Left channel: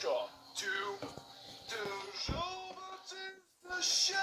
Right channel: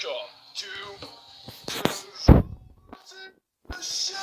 Welcome to Toujours the Show.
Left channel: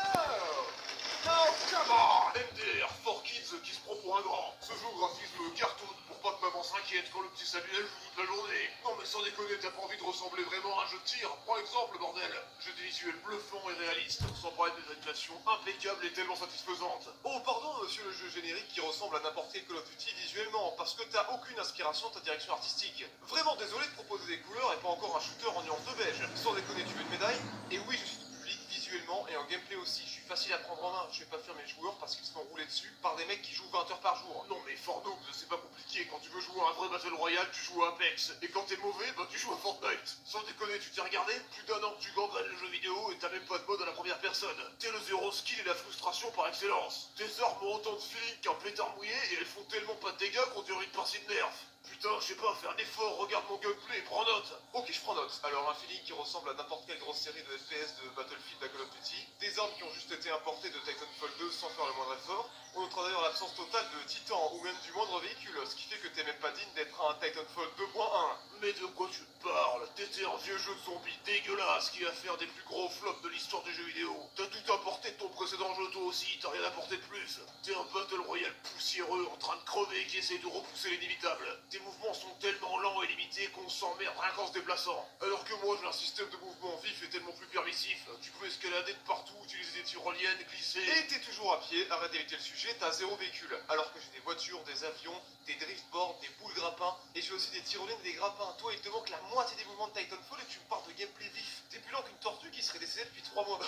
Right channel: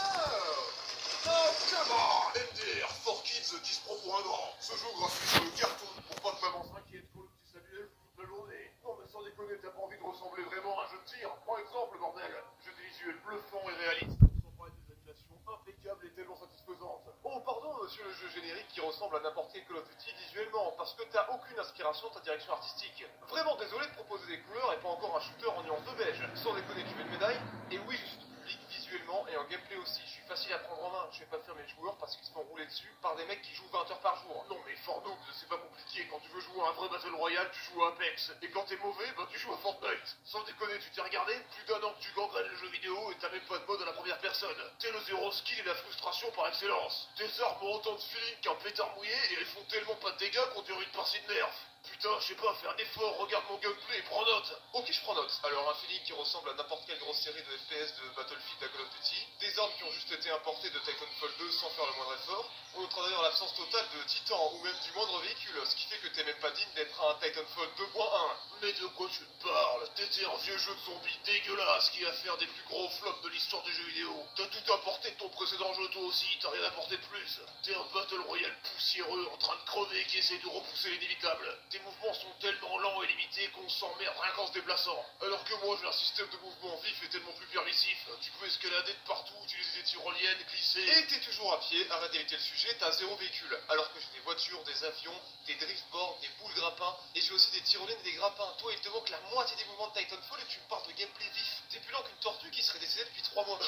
Oh, come on! MDR, 4Kids qui se prend pour un grand. Ce jeu graphique sur le cartoon pour pas que maman s'inquiète quand le petit Samuel joue toute la journée. Non mais sans déconner, t'as pas envie de ressembler vraiment à un jeu de tir? Prends exemple, bordel. Jeu des visuels bluffants et réalistes, sans parler des animations impeccables et tellement satisfaisantes. Oh pardon monsieur le jeu générique qui ressemble à n'importe quel Call of Duty visuellement, parce que t'as aucune inspiration de ta direction artistique. Vraiment désolé de proposer des couleurs et pas encore un shooter en nuance de beige. Sans déconner, tu veux une médaille? Et oui, je suis tout public visuellement et en gameplay aussi. Je suis facile à prendre en main. Je vais pas faire mes joueurs parce qu'ils se font rouler dessus par des mecs qui jouent 20 heures par jour. Non mais fort noob, c'est pas compliqué. Quand tu veux jouer à un vrai Battle Royale, tu joues à Apex. Et quand t'es mauvais, bah tu joues à Fortnite. Sans déconner, tu t'es regardé? Plus d'un an que tu gangrènes le jeu vidéo et t'as même pas de mode à la première personne. T'es le zéro skill et la frustration par excellence. Tes armes ont autant de feeling qu'un pétard mouillé et elles font tellement pas de dégâts qu'on dirait une partie de nerf. Putain, je sais pas, fais un effort, regarde mon gameplay et prends note. Ok, je prends note. Alors un feeling qui ressemble à n'importe quelle grosse série de FPS de Battlefield à Call of Duty, des armes qui ont juste été importées de Titanfall 2 sans faire le moindre effort. On notera d'ailleurs l'absence totale de Titan ou même du moindre véhicule, ce qui fait que t'es même pas digne d'être un Titanfall 2.1. Mais de quoi tu te parles? T'étais un vieux jeu de zombies dégueulasse qui va faire des plus gros flops de l'histoire des jeux vidéo. T'as tout apporté de ton précédent jeu toi aussi, t'as rien apporté de plus. T'es un Battle Royale poussiéreux en train de crever qui essaye de repousser l'inévitable. Tes mouvements sont tellement lents et limités qu'on s'emmerde rien qu'en se déplaçant. Alors que moi j'ai un système de mouvement vif et tellement plus permissif. Tu peux escalader de partout, utiliser des tyroliennes, glisser. Et t'es toujours à pied, arrête d'éviter le sujet, t'as zéro véhicule. Alors que j'ai des voitures, des avions, des driftboards, des boules grappins, et j'ai aussi des tyroliennes et des grappins. Toi il te manque la moitié des mouvements de Titanfall et tu me parles de gameplay vif. T'es plus lent qu'une tortue qui serait décédée depuis 3 mois.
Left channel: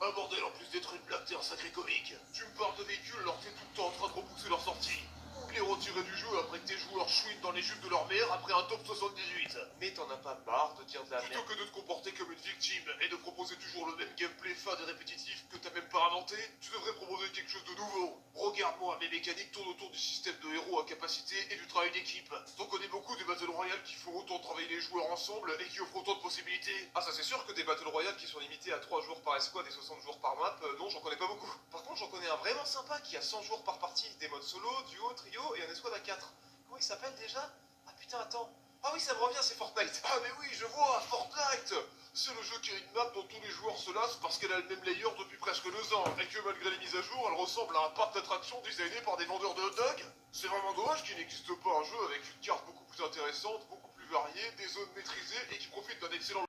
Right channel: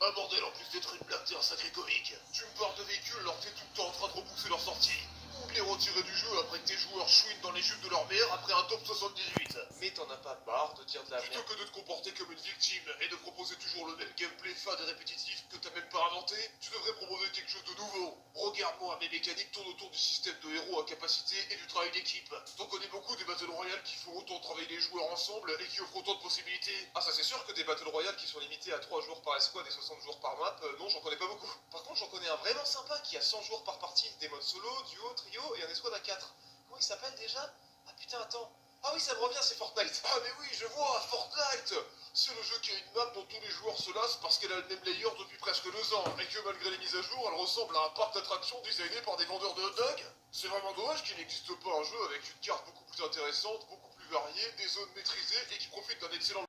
Ah bordel, en plus d'être une blague, t'es un sacré comique. Tu me parles de véhicules alors que t'es tout le temps en train de repousser leur sortie. Ou de les retirer du jeu après que tes joueurs chouinent dans les jupes de leur mère après un top 78. Mais t'en as pas marre de dire de la merde? Plutôt que de te comporter comme une victime et de proposer toujours le même gameplay fade et répétitif que t'as même pas inventé, tu devrais proposer quelque chose de nouveau. Regarde-moi, mes mécaniques tournent autour du système de héros à capacité et du travail d'équipe. T'en connais beaucoup des Battle Royale qui font autant travailler les joueurs ensemble et qui offrent autant de possibilités. Ah ça c'est sûr que des Battle Royale qui sont limités à 3 jours par escouade et 60 jours par map, non j'en connais pas beaucoup. Par contre j'en connais un vraiment sympa qui a 100 jours par partie, des modes solo, duo, trio et un escouade à 4. Comment il s'appelle déjà? Ah putain attends. Ah oui ça me revient, c'est Fortnite. Ah mais oui je vois, Fortnite. C'est le jeu qui a une map dont tous les joueurs se lassent parce qu'elle a le même layer depuis presque 2 ans et que malgré les mises à jour, elle ressemble à un parc d'attractions designé par des vendeurs de hot dogs. C'est vraiment dommage qu'il n'existe pas un jeu avec une carte beaucoup plus intéressante, beaucoup plus variée, des zones maîtrisées et qui profite d'un excellent